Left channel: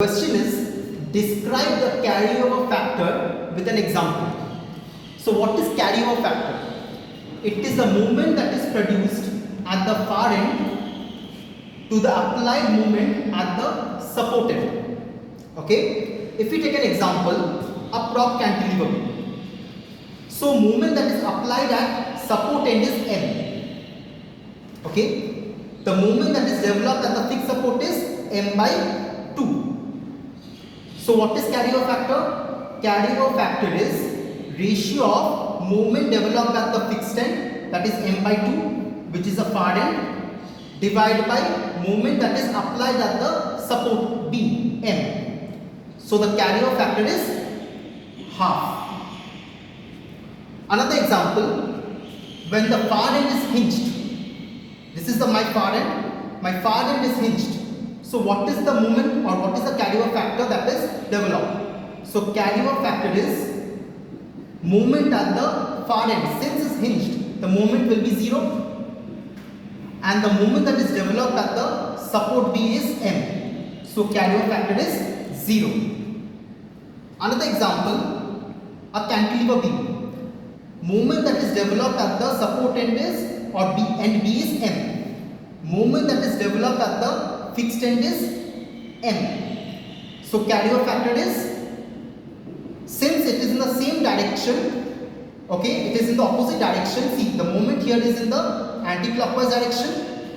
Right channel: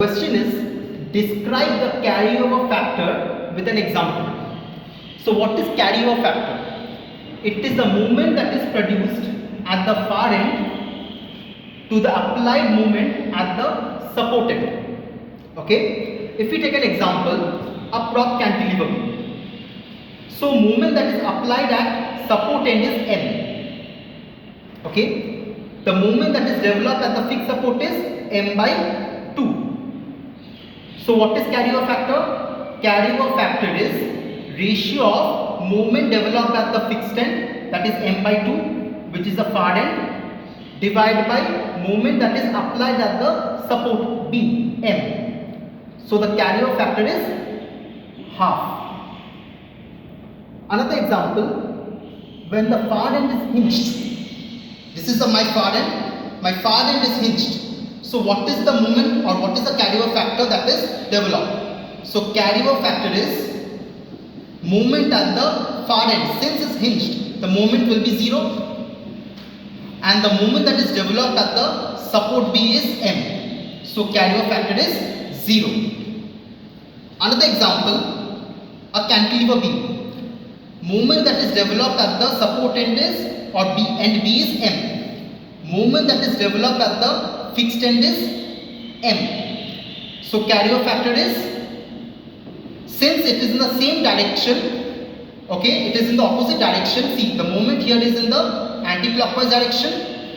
Question is, describe the carryover factor with an example. So what is carryover factor? It is the moment that is produced at the far end to the applied moment at the support end. Okay? If we take an example, a prop cantilever beam. So moment that is applied at support end is M. Okay? The moment that is developed at the fixed support is M by 2. So what is carryover factor? Carryover factor is ratio of moment developed at the fixed end, that is M by 2, which is the far end, divided by moment that is applied at the support B, M. So the carryover factor is half. Another example, when the far end is hinged, this is my far end is hinged. So what is the moment or what is the carryover factor that is developed? So carryover factor is moment at the far end. Since it's hinged, the moment will be 0, and the moment that is developed at the support B is M. So carryover factor is 0. Another example, a cantilever beam. Moment that is developed at the support end is or B, and B is M. Moment that is developed at the fixed end is M. So carryover factor is, since it is in the same direction, okay, it is in the opposite direction. See, the moment here is in the anti-clockwise direction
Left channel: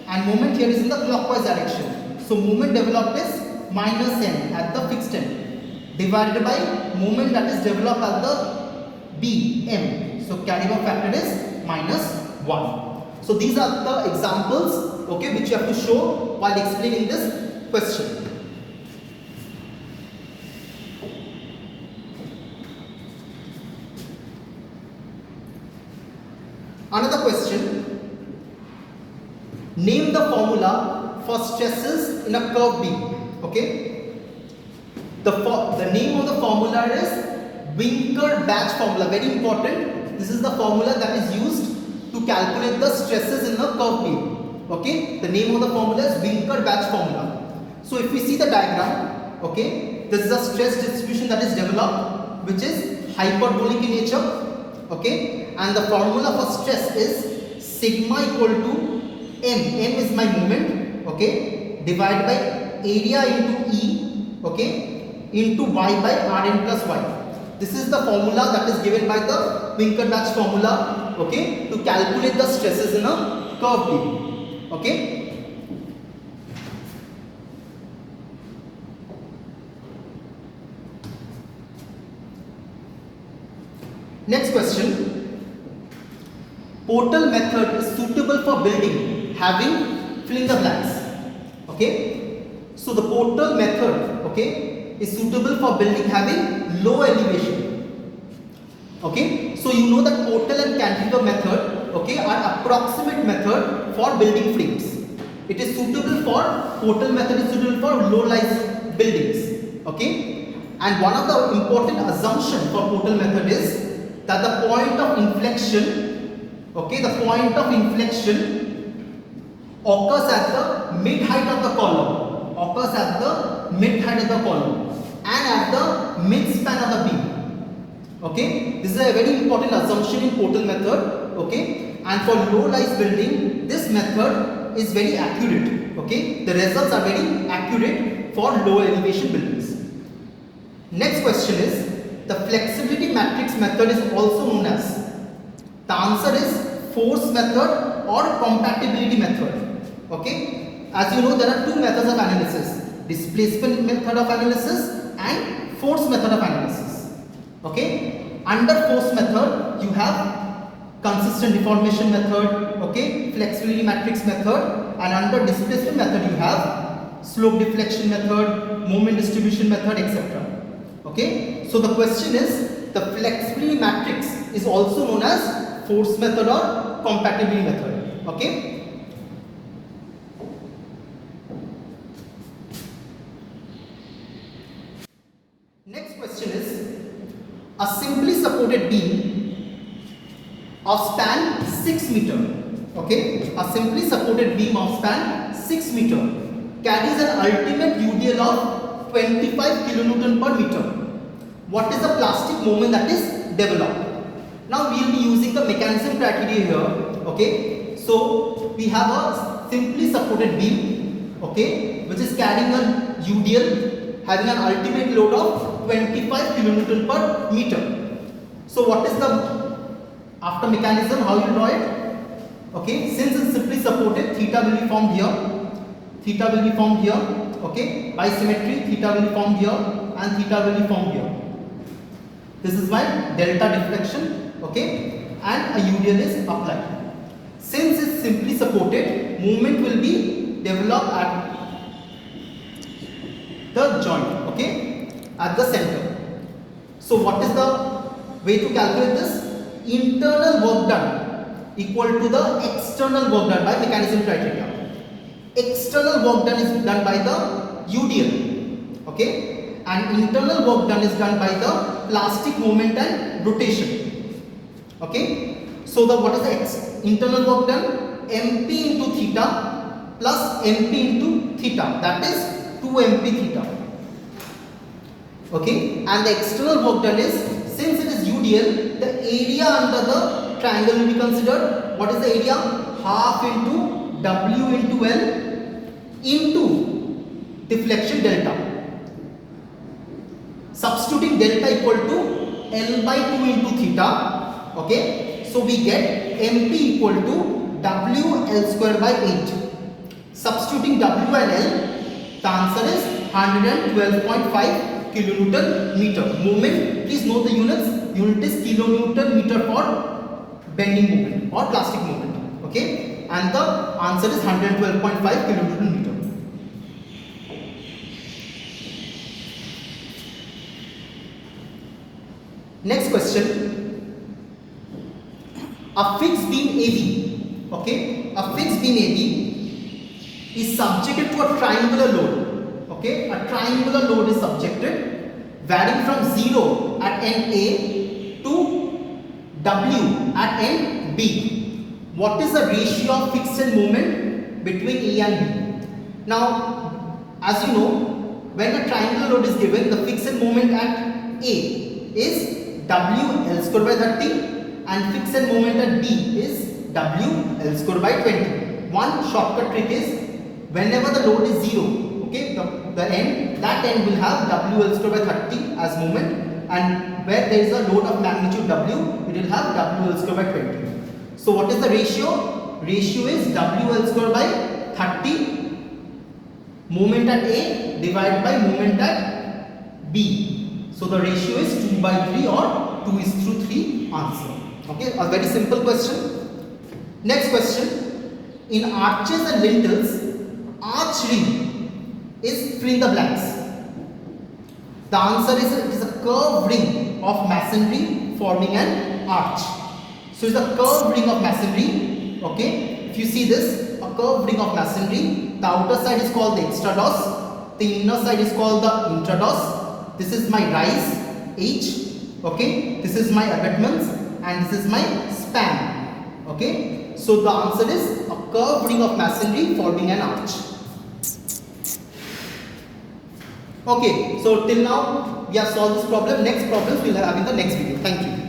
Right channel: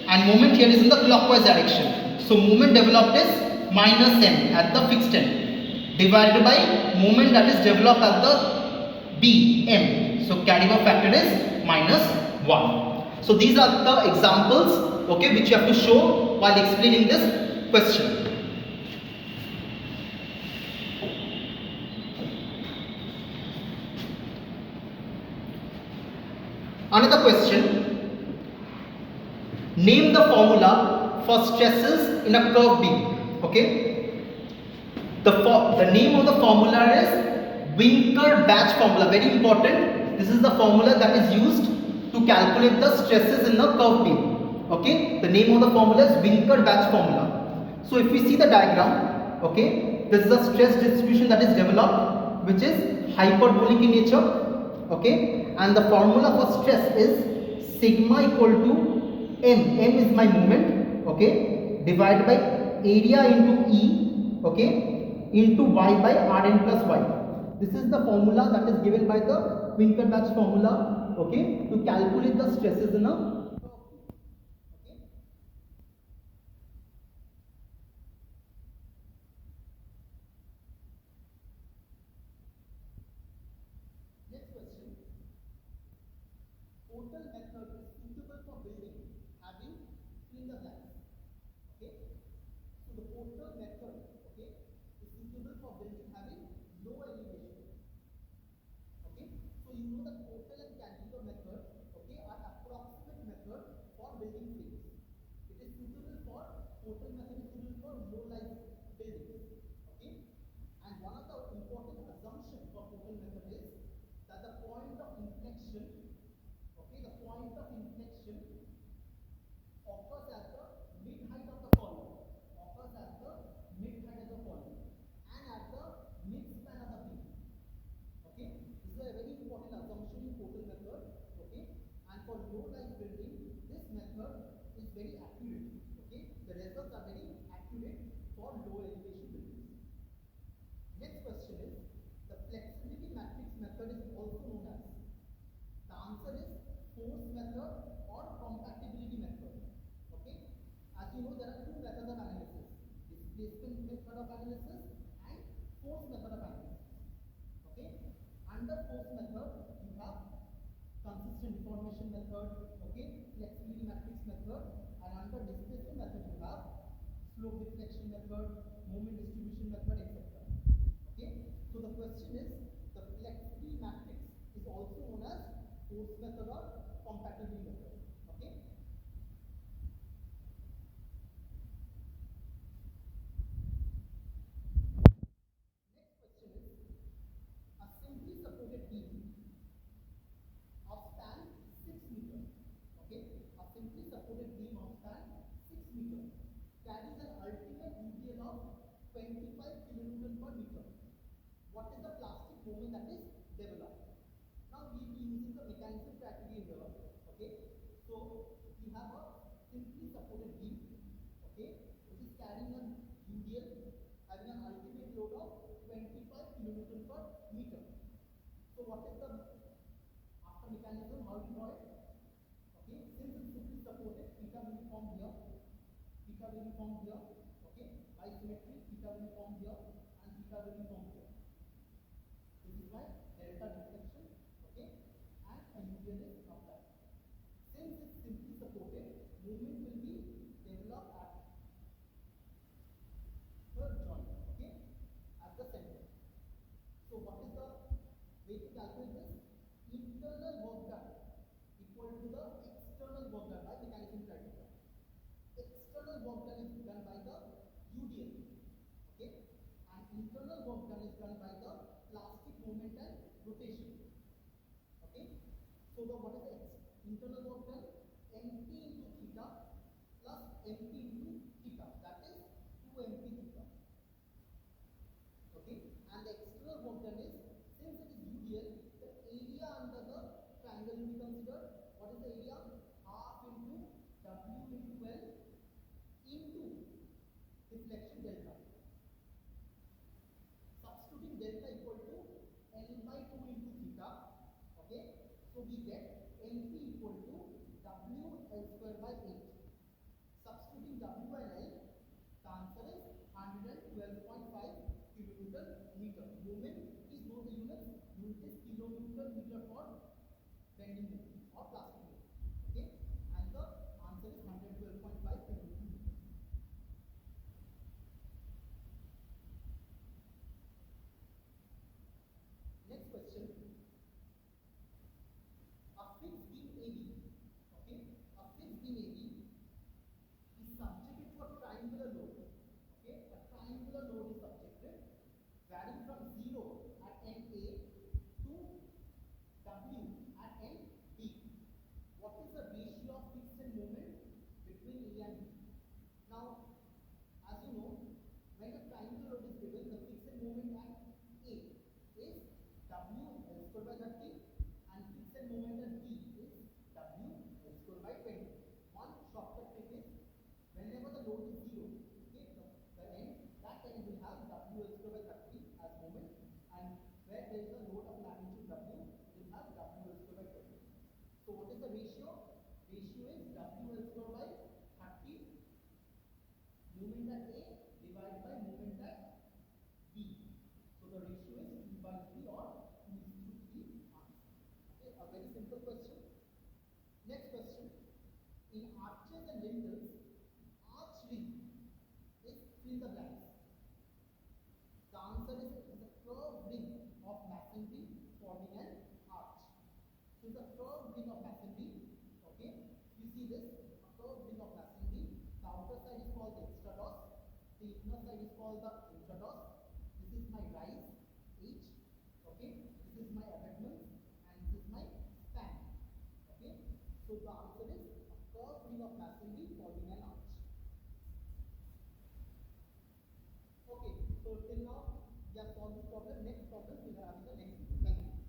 and moment here is in the clockwise direction. So moment developed is minus M at the fixed end divided by moment that is developed at the B, M. So carryover factor is minus 1. So these are the examples, okay, which you have to show while explaining this question. Another question, name the formula for stresses in a curved beam. Okay, the name of the formula is Winker-Batch formula, very important. This is the formula that is used to calculate the stresses in a curved beam. Okay, the name of the formula is Winker-Batch formula. So if we see the diagram, okay, this is a stress distribution that is developed, which is hyperbolic in nature. Okay, and the formula for stress is sigma equal to M. M is my moment. Okay, divided by area into E. Okay, into Y by Rn plus Y. This is the formula that is given by the Winker-Batch formula, okay, to calculate the stresses in a curved beam. Okay. Next question. Portal method is suitable for building having flinger blanks. Okay. So the portal method, okay, is suitable for building having low elevation. Okay, so you know that portal and cantilever method, okay, are approximate method for building frames. It is suitable for, portal method is suitable for low-rise buildings. Okay, and one of the important assumption for portal method is that the point of inflection, okay, the point of inflection occurs at the mid height of the column, and at the mid span of the beam. Okay, this is a very important assumption in portal method. Okay, and for low-rise building, this method is very accurate. Okay, the results are very accurate for low elevation buildings. Next question is, the flexibility matrix method is also known as, the answer is force method or compatibility method. Okay, as you know, there are two methods of analysis: displacement method of analysis and force method of analysis. Okay, under force method you have consistent deformation method, okay, flexibility matrix method, and under displacement method you have slope deflection method, moment distribution method, etc. Okay, so the question is, the flexibility matrix is also known as force method or compatibility method. Okay. Next question is, a simply supported beam of span 6 meter. Okay, a simply supported beam of span 6 meter carries an ultimate UDL of 25 kilonewton per meter. What is the plastic moment that is developed? Now we will be using the mechanism criteria here. Okay, so we have a simply supported beam, okay, which is carrying a UDL having an ultimate load of 25 kilonewton per meter. So what is the after mechanism, how you draw it? Okay, since it's simply supported, theta will be formed here, theta will be formed here, okay, by symmetry theta will be formed here and theta will be formed here. This is my delta deflection, okay, and a UDL is applied. Since it's simply supported, movement will be developed at the joint, okay, at the center. So what is the way to calculate this? Internal work done equal to the external work done by mechanism criteria. External work done is done by the UDL, okay, and internal work done is done by the plastic moment and rotation, okay. So the what is the internal work done? MP into theta plus MP into theta, that is 2 MP theta, okay, and the external work done is, since it is UDL, the area under the triangle will be considered. What is the area? Half into W into L into deflection delta. Substituting delta equal to L by 2 into theta, okay. So we get MP equal to W L square by 8. Substituting W and L, the answer is 112.5 kilonewton meter. Movement, please note the units. Unit is kilonewton meter for bending movement or plastic movement, okay, and the answer is 112.5 kilonewton meter. Next question. A fixed beam AB, okay, a fixed beam AB is subjected to a triangular load, okay, a triangular load is subjected varying from 0 at end A to W at end B. What is the ratio of fixed end moment between A and B? Now, as you know, when a triangular load is given, the fixed end moment at A is W L square by 30 and fixed end moment at B is W L square by 20. One shortcut trick is, whenever the load is 0, okay, that end will have W L square by 30 as moment, and where there is a load of magnitude W, it will have W L square by 20. So what is the ratio? Ratio is W L square by 30 moment at A divided by moment at B. So the ratio is 2 by 3 or 2 is through 3 answer. Okay, a very simple question. Next question. In arches and lintels, arch ring is fill in the blanks. The answer is it is a curved ring of masonry forming an arch. So it's a curved ring of masonry. Okay, if you see this, a curved ring of masonry, the outer side is called the extrados, the inner side is called the intrados. This is my rise H, okay, this is my abutments and this is my span, okay. So the answer is a curved ring of masonry forming an arch. Okay, so till now we have solved this problem. Next problems we will have in the next video. Thank you.